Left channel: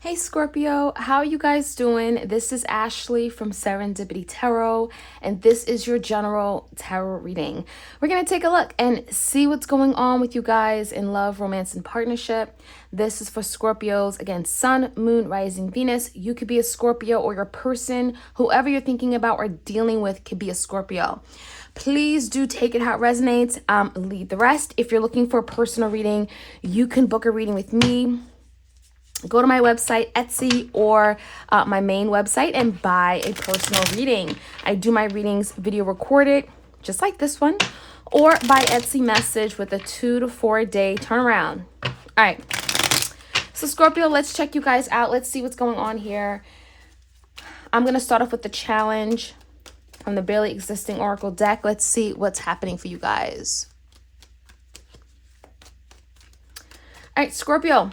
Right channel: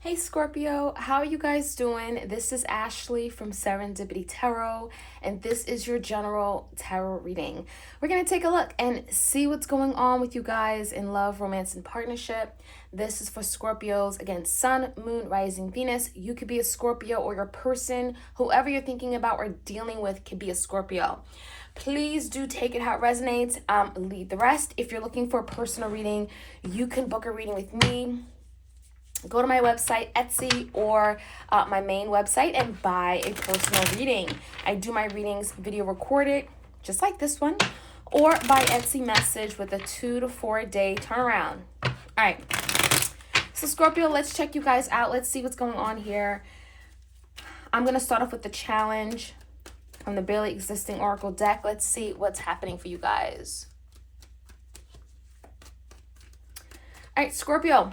Hey Scorpio, how are you guys doing? This is Ashley from Serendipity Tarot, and this is your general tarot reading. We're going to take a look and see what's going on with you guys in love, romance, and partnership. This is for Scorpios. Again, Sun, Moon, Rising, Venus. You could be a Scorpio, or your person, whoever you're thinking about or dealing with, could be a Scorpio. Please do take it how it resonates. Leave the rest. If you're looking for a personal reading, you can book a reading with me. Go to my website, Etsy, or my main website and buy a personal reading. I do my readings video recorded, just like this one, or by Etsy message with a 2 to 4 day turnaround. All right. So Scorpio, let's check you guys out. Let's see what's going on here. I'm going to start off with the challenge from the Barely Existing Oracle deck. Let's see what's happening for you guys. All right, Scorpio.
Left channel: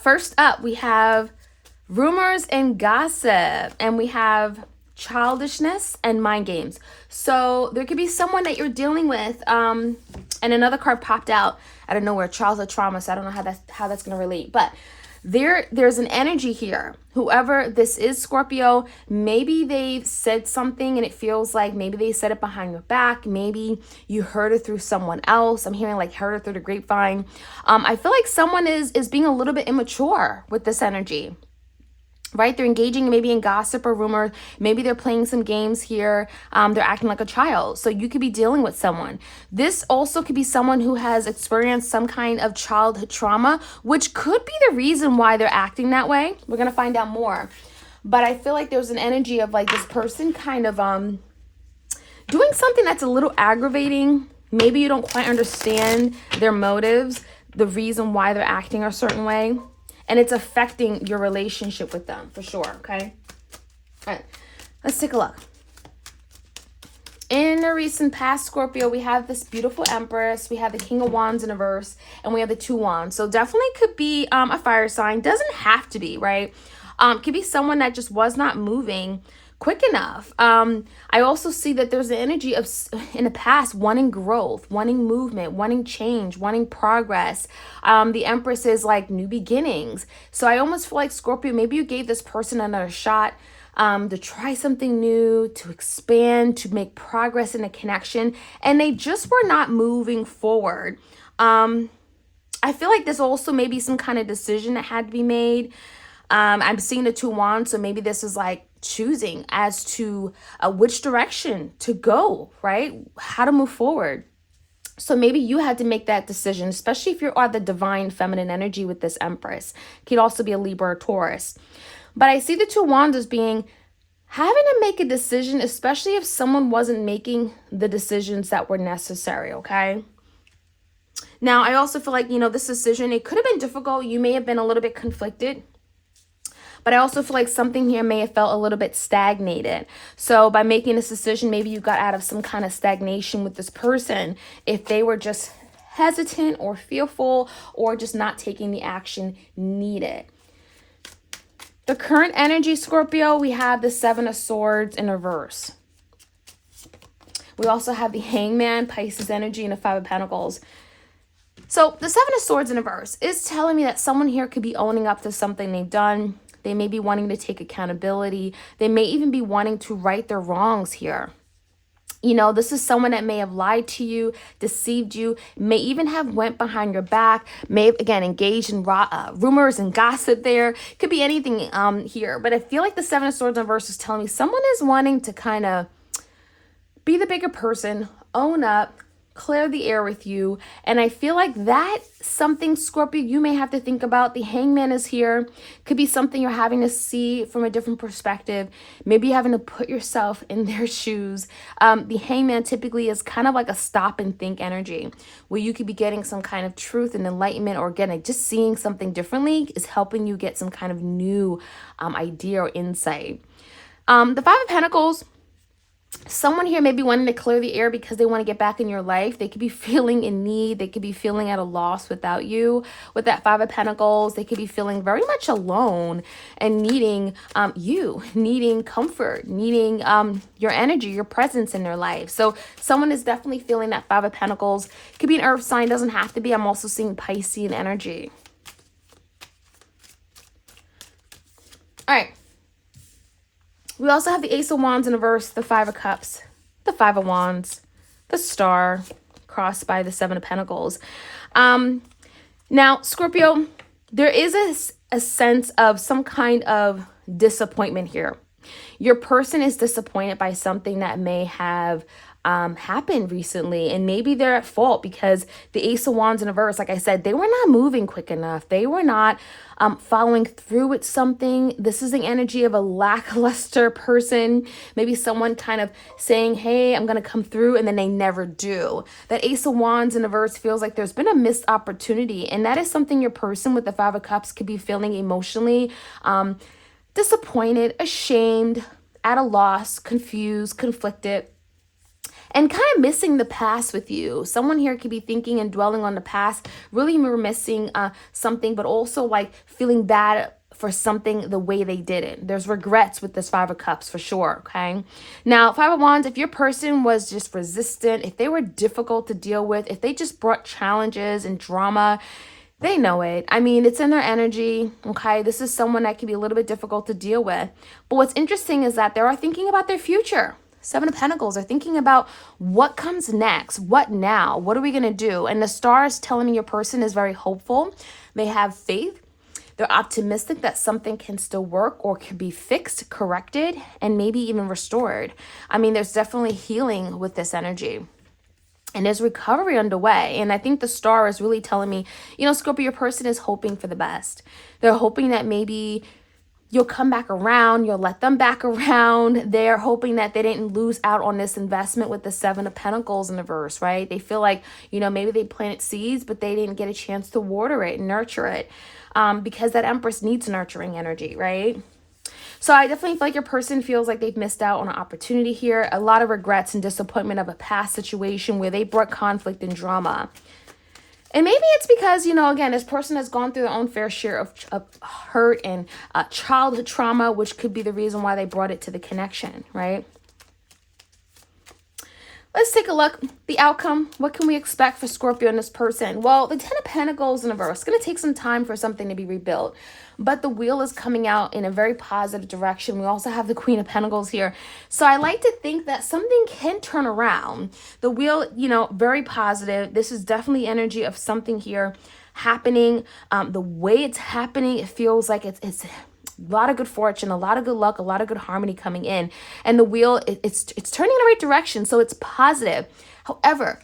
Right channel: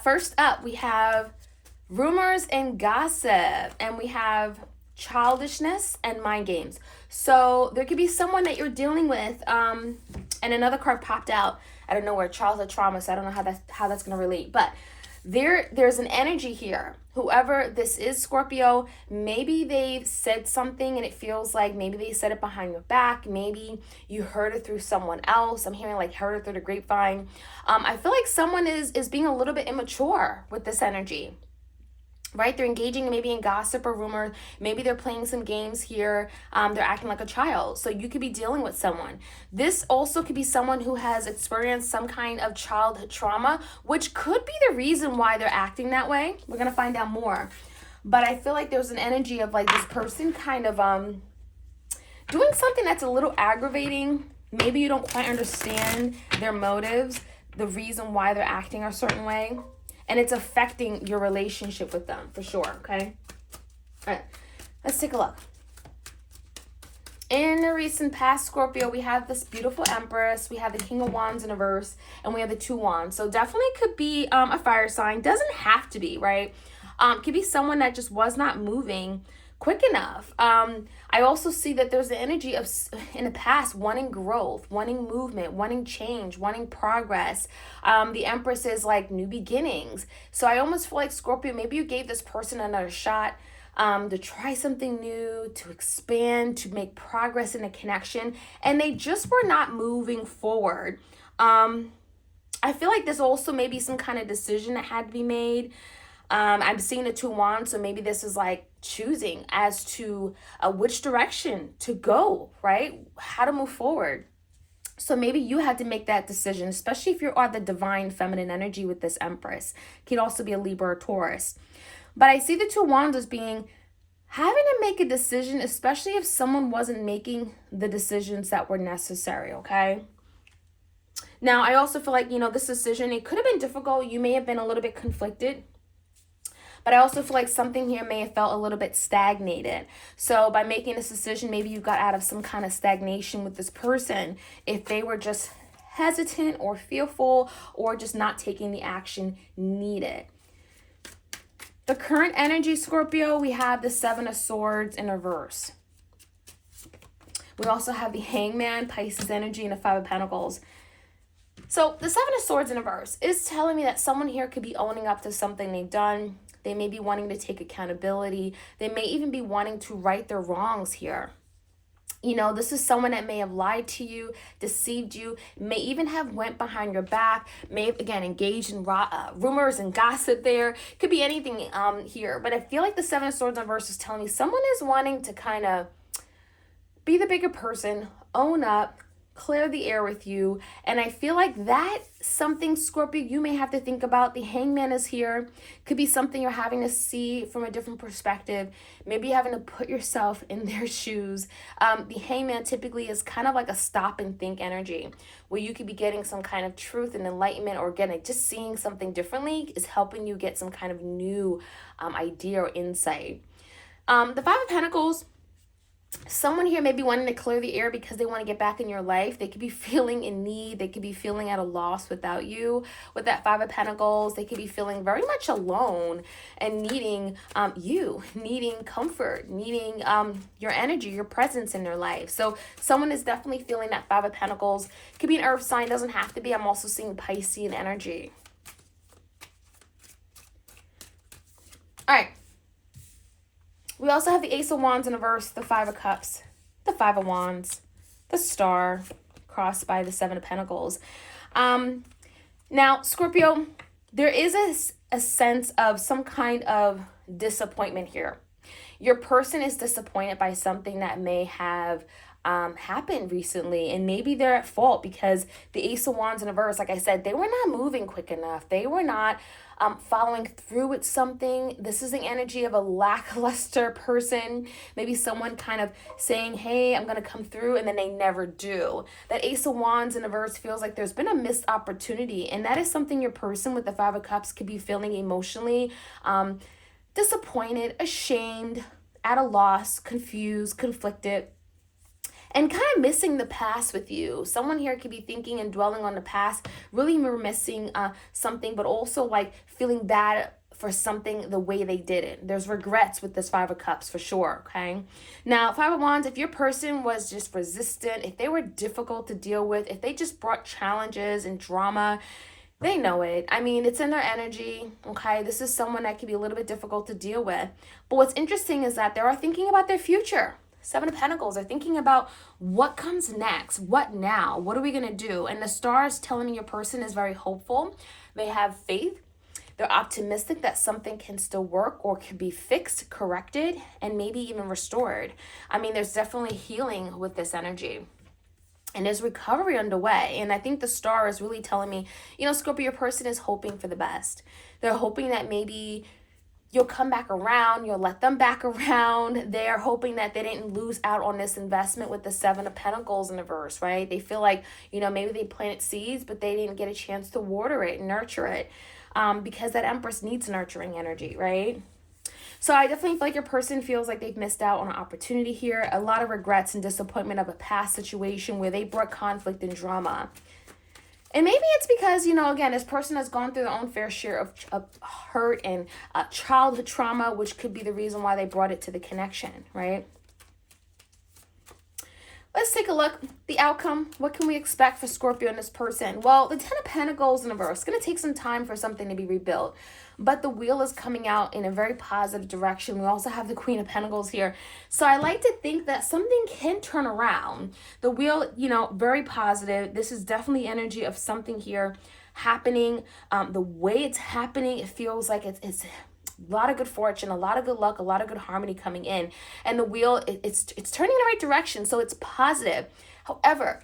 First up, we have rumors and gossip, and we have childishness and mind games. So there could be someone that you're dealing with, and another card popped out out of nowhere, childhood trauma. So I don't know how that's going to relate, but there's an energy here. Whoever this is, Scorpio, maybe they've said something and it feels like maybe they said it behind your back. Maybe you heard it through someone else. I'm hearing like heard it through the grapevine. I feel like someone is being a little bit immature with this energy. Right? They're engaging maybe in gossip or rumor. Maybe they're playing some games here. They're acting like a child. So you could be dealing with someone. This also could be someone who has experienced some kind of childhood trauma, which could be the reason why they're acting that way. We're going to find out more. But I feel like there's an energy of like this person kind of doing something that's a little aggravating. Maybe you don't quite understand their motives, the reason why they're acting a certain way. And it's affecting your relationship with them for sure, okay? All right, let's take a look. In the recent past, Scorpio, we have this beautiful Empress. We have the King of Wands in reverse, and we have the Two Wands. So definitely could be a fire sign. Doesn't have to be, right? Could be someone that just was not moving quick enough. I also see that there's the energy of, in the past, wanting growth, wanting movement, wanting change, wanting progress. The Empress is like new beginnings. So I almost feel like, Scorpio, maybe you gave this person another shot to try something new, to expand, to make progress in a connection, and they just were not moving forward. I feel like there's also maybe some kind of decision that had to be made. I'm seeing the Two Wands, so maybe this is like choosing as to which direction to go, right? How to move forward. So maybe you had to make that decision, especially if you're on the divine feminine energy with this Empress. Could also be a Libra or Taurus. But I see the Two Wands as being having to make a decision, especially if someone wasn't making the decisions that were necessary, okay? Now, I also feel like, this decision, it could have been difficult. You may have been a little bit conflicted. But I also feel like something here may have felt a little bit stagnated. So by making this decision, maybe you got out of some kind of stagnation with this person. If they were just hesitant or fearful or just not taking the action needed. The current energy, Scorpio, we have the Seven of Swords in reverse. We also have the Hangman, Pisces energy, and the Five of Pentacles. So the Seven of Swords in reverse is telling me that someone here could be owning up to something they've done. They may be wanting to take accountability. They may even be wanting to right their wrongs here. This is someone that may have lied to you, deceived you, may even have went behind your back, may have, again, engaged in rumors and gossip there. Could be anything here. But I feel like the Seven of Swords in reverse is telling me someone is wanting to kind of be the bigger person, own up, clear the air with you. And I feel like that's something, Scorpio, you may have to think about. The Hangman is here. Could be something you're having to see from a different perspective. Maybe you're having to put yourself in their shoes. The Hangman typically is kind of like a stop and think energy, where you could be getting some kind of truth and enlightenment, or again, just seeing something differently is helping you get some kind of new idea or insight. The Five of Pentacles, someone here may be wanting to clear the air because they want to get back in your life. They could be feeling in need. They could be feeling at a loss without you. With that Five of Pentacles, they could be feeling very much alone and needing needing comfort, needing your energy, your presence in their life. So someone is definitely feeling that Five of Pentacles. Could be an earth sign, doesn't have to be. I'm also seeing Piscean energy. We also have the Ace of Wands in reverse, the Five of Cups, the Five of Wands, the Star, crossed by the Seven of Pentacles. Now, Scorpio, there is a sense of some kind of disappointment here. Your person is disappointed by something that may have happened recently, and maybe they're at fault because the Ace of Wands in reverse, like I said, they were not moving quick enough. They were not following through with something. This is the energy of a lackluster person. Maybe someone kind of saying, hey, I'm going to come through, and then they never do. That Ace of Wands in reverse feels like there's been a missed opportunity, and that is something your person with the Five of Cups could be feeling emotionally disappointed, ashamed, at a loss, confused, conflicted, and kind of missing the past with you. Someone here could be thinking and dwelling on the past, really missing something, but also like feeling bad for something the way they did it. There's regrets with this Five of Cups for sure, okay? Now, Five of Wands, if your person was just resistant, if they were difficult to deal with, if they just brought challenges and drama, they know it. I mean, it's in their energy, okay? This is someone that can be a little bit difficult to deal with. But what's interesting is that they are thinking about their future. Seven of Pentacles are thinking about what comes next, what now, what are we going to do? And the Star is telling me your person is very hopeful. They have faith. They're optimistic that something can still work or can be fixed, corrected, and maybe even restored. I mean, there's definitely healing with this energy. And there's recovery underway. And I think the Star is really telling me, you know, Scorpio, your person is hoping for the best. They're hoping that maybe you'll come back around, you'll let them back around. They're hoping that they didn't lose out on this investment with the Seven of Pentacles in the verse, right? They feel like, you know, maybe they planted seeds, but they didn't get a chance to water it and nurture it because that Empress needs nurturing energy, right? So I definitely feel like your person feels like they've missed out on an opportunity here. A lot of regrets and disappointment of a past situation where they brought conflict and drama. And maybe it's because, you know, again, this person has gone through their own fair share of hurt and childhood trauma, which could be the reason why they brought it to the connection, right? Let's take a look. The outcome. What can we expect for Scorpio and this person? Well, the Ten of Pentacles in reverse. It's going to take some time for something to be rebuilt. But the wheel is coming out in a very positive direction. We also have the Queen of Pentacles here. So I like to think that something can turn around. The wheel, you know, very positive. This is definitely energy of something here happening. The way it's happening, it feels like it's a lot of good fortune, a lot of good luck, a lot of good harmony coming in. And the wheel, it's turning in the right direction, so it's positive. However,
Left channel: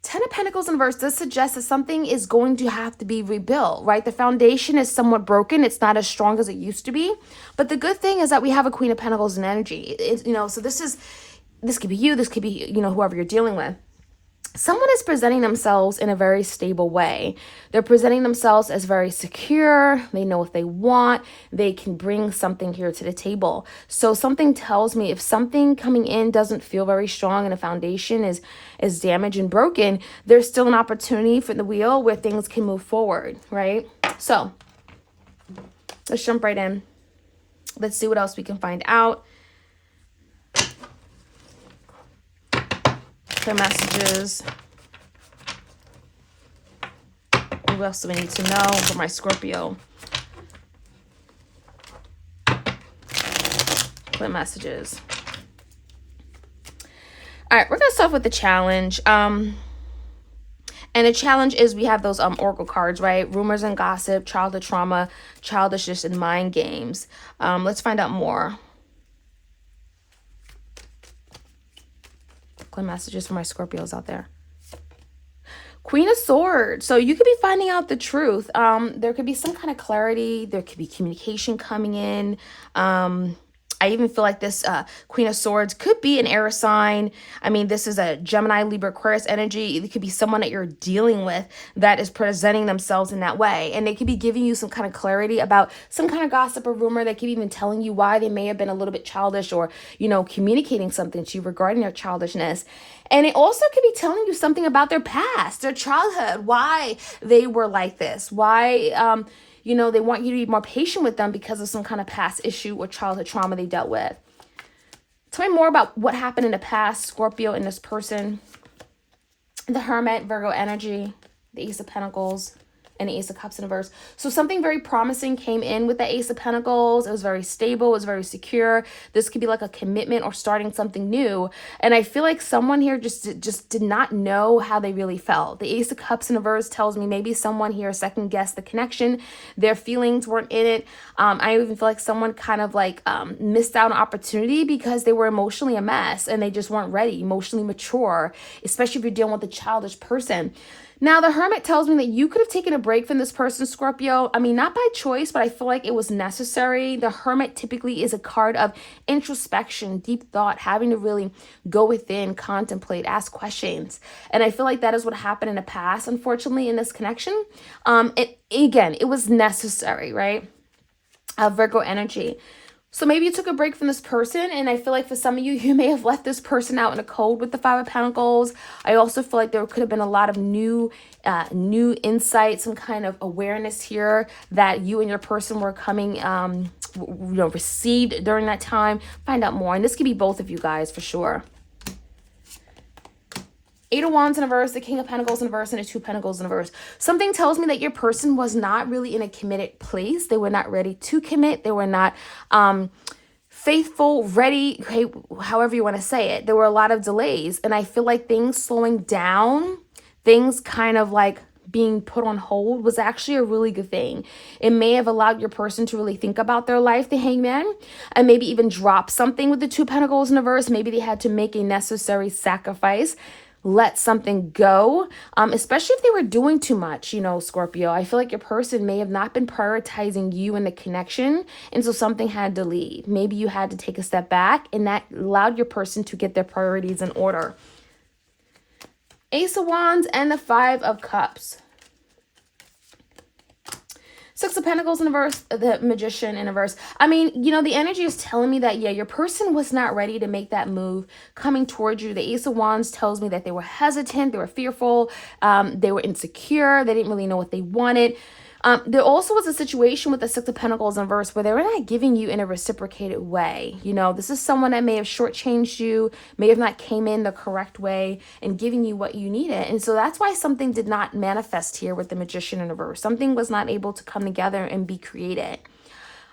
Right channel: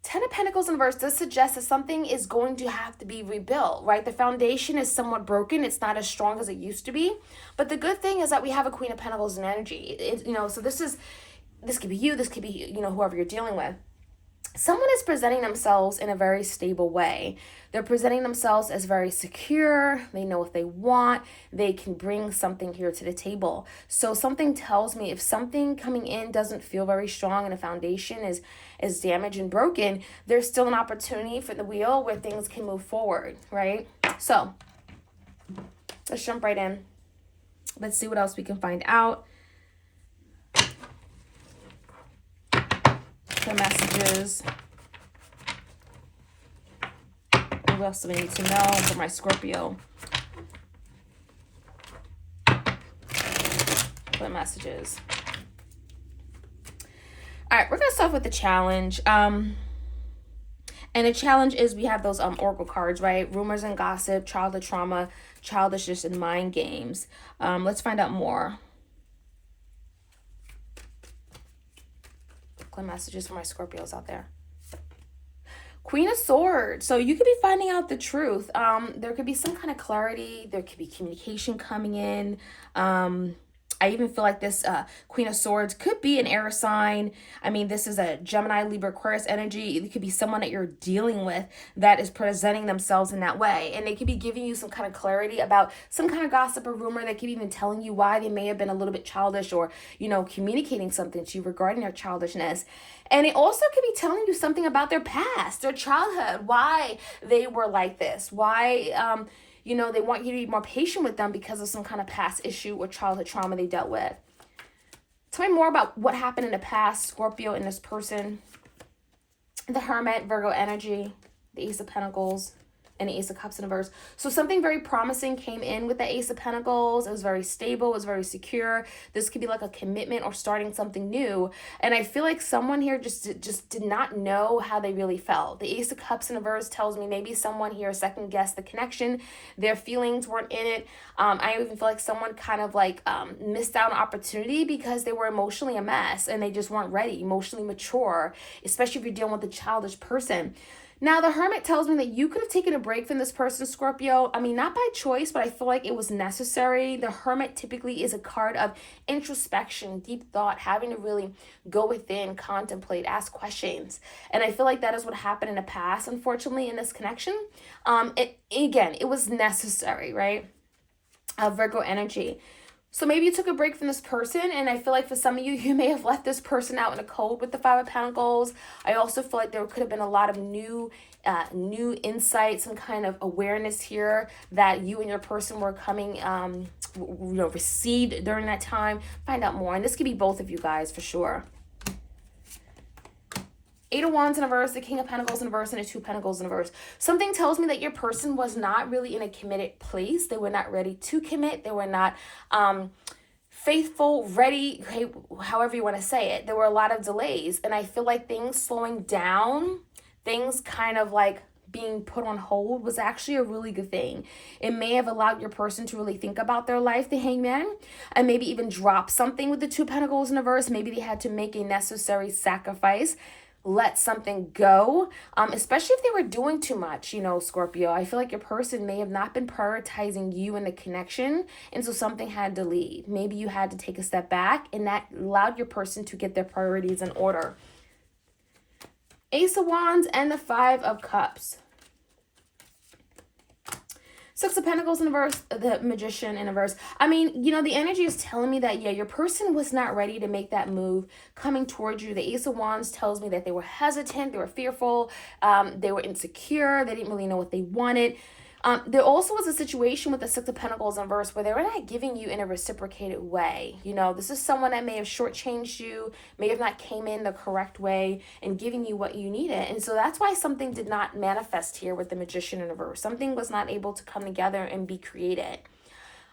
Ten of Pentacles in reverse does suggest that something is going to have to be rebuilt, right? The foundation is somewhat broken. It's not as strong as it used to be. But the good thing is that we have a Queen of Pentacles in energy. You know, so this could be you, this could be, you know, whoever you're dealing with. Someone is presenting themselves in a very stable way. They're presenting themselves as very secure. They know what they want. They can bring something here to the table. So something tells me if something coming in doesn't feel very strong and a foundation is damaged and broken, there's still an opportunity for the wheel where things can move forward, right? So let's jump right in. Let's see what else we can find out. The messages. What else do we need to know for my Scorpio? What messages? All right, we're gonna start with the challenge. And the challenge is we have those oracle cards, right? Rumors and gossip, childhood trauma, childishness, and mind games. Let's find out more. Messages for my Scorpios out there. Queen of Swords. So you could be finding out the truth. There could be some kind of clarity. There could be communication coming in. I even feel like this Queen of Swords could be an air sign. I mean, this is a Gemini, Libra, Aquarius energy. It could be someone that you're dealing with that is presenting themselves in that way. And they could be giving you some kind of clarity about some kind of gossip or rumor. They could even telling you why they may have been a little bit childish or, you know, communicating something to you regarding their childishness. And it also could be telling you something about their past, their childhood, why they were like this, why, you know, they want you to be more patient with them because of some kind of past issue or childhood trauma they dealt with. Tell me more about what happened in the past, Scorpio, in this person. The Hermit, Virgo energy, the Ace of Pentacles, and the Ace of Cups in reverse. So something very promising came in with the Ace of Pentacles. It was very stable. It was very secure. This could be like a commitment or starting something new. And I feel like someone here just did not know how they really felt. The Ace of Cups in reverse tells me maybe someone here second guessed the connection. Their feelings weren't in it. I even feel like someone kind of like missed out on opportunity because they were emotionally a mess and they just weren't ready, emotionally mature, especially if you're dealing with a childish person. Now, the Hermit tells me that you could have taken a break from this person, Scorpio. I mean, not by choice, but I feel like it was necessary. The Hermit typically is a card of introspection, deep thought, having to really go within, contemplate, ask questions. And I feel like that is what happened in the past, unfortunately, in this connection. It was necessary, right? Virgo energy. So maybe you took a break from this person, and I feel like for some of you, you may have left this person out in the cold with the Five of Pentacles. I also feel like there could have been a lot of new insight, some kind of awareness here that you and your person were coming, received during that time. Find out more, and this could be both of you guys for sure. Eight of Wands in reverse, the King of Pentacles in reverse, and the Two of Pentacles in reverse. Something tells me that your person was not really in a committed place. They were not ready to commit. They were not faithful, ready, okay, however you want to say it. There were a lot of delays, and I feel like things slowing down, things kind of like being put on hold was actually a really good thing. It may have allowed your person to really think about their life, the Hangman, and maybe even drop something with the Two of Pentacles in reverse. Maybe they had to make a necessary sacrifice, let something go, especially if they were doing too much, Scorpio. I feel like your person may have not been prioritizing you and the connection, and so something had to leave. Maybe you had to take a step back, and that allowed your person to get their priorities in order. Ace of Wands and the Five of Cups. Six of Pentacles in reverse, the Magician in reverse. I mean, the energy is telling me that, yeah, your person was not ready to make that move coming towards you. The Ace of Wands tells me that they were hesitant, they were fearful, they were insecure, they didn't really know what they wanted. There also was a situation with the Six of Pentacles in reverse where they were not giving you in a reciprocated way. This is someone that may have shortchanged you, may have not came in the correct way and giving you what you needed. And so that's why something did not manifest here with the Magician in reverse. Something was not able to come together and be created.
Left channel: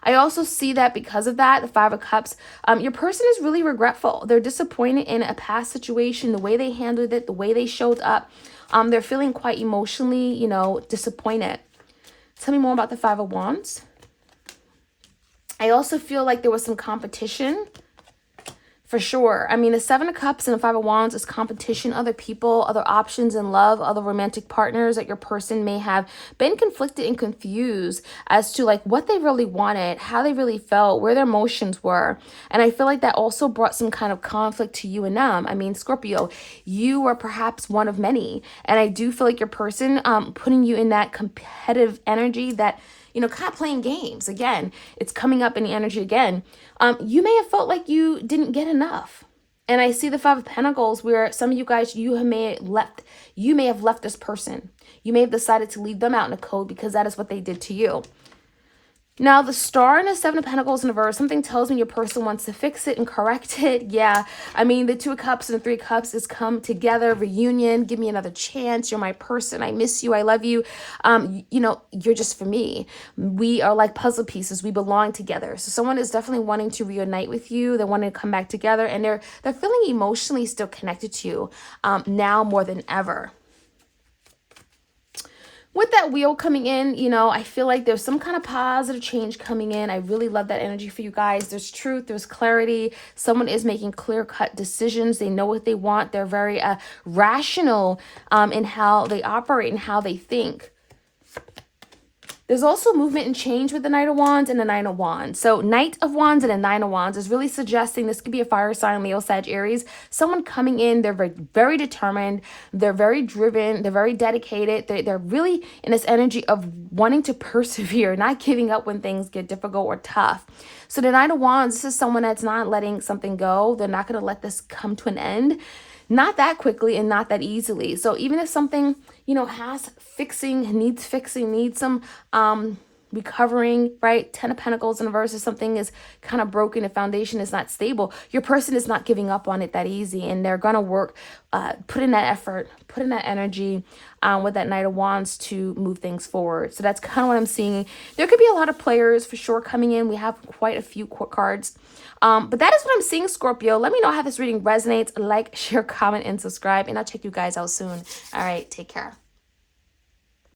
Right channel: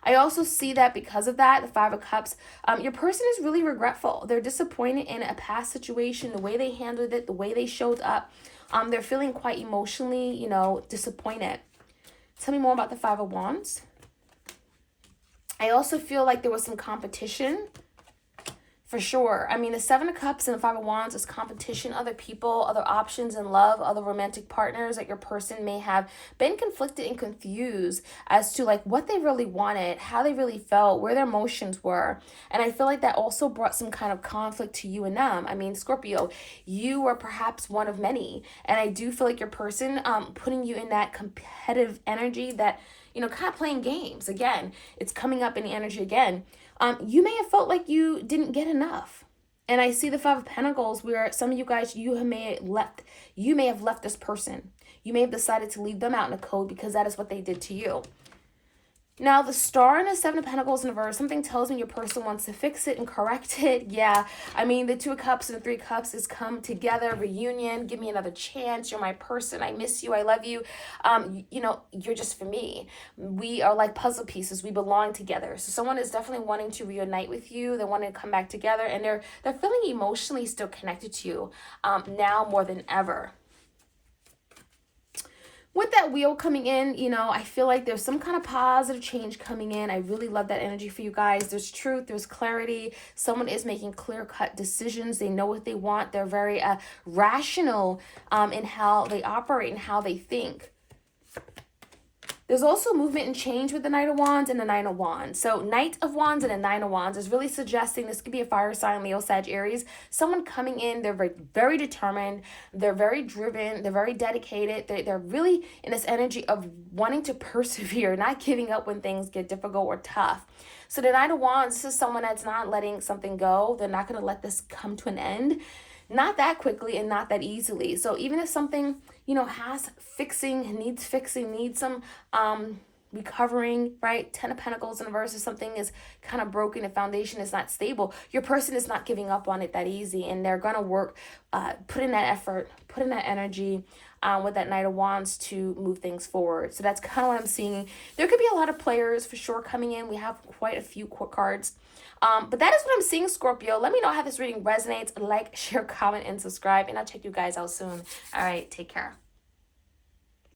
I also see that because of that, the Five of Cups, your person is really regretful. They're disappointed in a past situation, the way they handled it, the way they showed up. They're feeling quite emotionally, disappointed. Tell me more about the Five of Wands. I also feel like there was some competition for sure. I mean, the Seven of Cups and the Five of Wands is competition, other people, other options in love, other romantic partners that your person may have been conflicted and confused as to like what they really wanted, how they really felt, where their emotions were. And I feel like that also brought some kind of conflict to you and them. I mean, Scorpio, you were perhaps one of many. And I do feel like your person putting you in that competitive energy that, kind of playing games. Again, it's coming up in the energy again. You may have felt like you didn't get enough. And I see the Five of Pentacles where some of you guys, you may have left this person. You may have decided to leave them out in the cold because that is what they did to you. Now, the Star and the Seven of Pentacles in reverse, something tells me your person wants to fix it and correct it. Yeah, I mean, the Two of Cups and the Three of Cups is come together, reunion, give me another chance. You're my person. I miss you. I love you. You're just for me. We are like puzzle pieces. We belong together. So someone is definitely wanting to reunite with you. They want to come back together, and they're feeling emotionally still connected to you now more than ever. With that wheel coming in, I feel like there's some kind of positive change coming in. I really love that energy for you guys. There's truth, there's clarity. Someone is making clear-cut decisions. They know what they want. They're very rational in how they operate and how they think. There's also movement and change with the Knight of Wands and the Nine of Wands. So Knight of Wands and the Nine of Wands is really suggesting this could be a fire sign, Leo, Sag, Aries. Someone coming in, they're very, very determined. They're very driven. They're very dedicated. They're really in this energy of wanting to persevere, not giving up when things get difficult or tough. So the Nine of Wands, this is someone that's not letting something go. They're not going to let this come to an end. Not that quickly and not that easily. So even if something, has needs fixing, needs some, recovering, right? 10 of Pentacles in reverse. If something is kind of broken, the foundation is not stable, your person is not giving up on it that easy, and they're gonna work, put in that effort, put in that energy, with that Knight of Wands to move things forward. So that's kind of what I'm seeing. There could be a lot of players for sure coming in. We have quite a few cards. But that is what I'm seeing, Scorpio. Let me know how this reading resonates. Like, share, comment, and subscribe. And I'll check you guys out soon. All right, take care.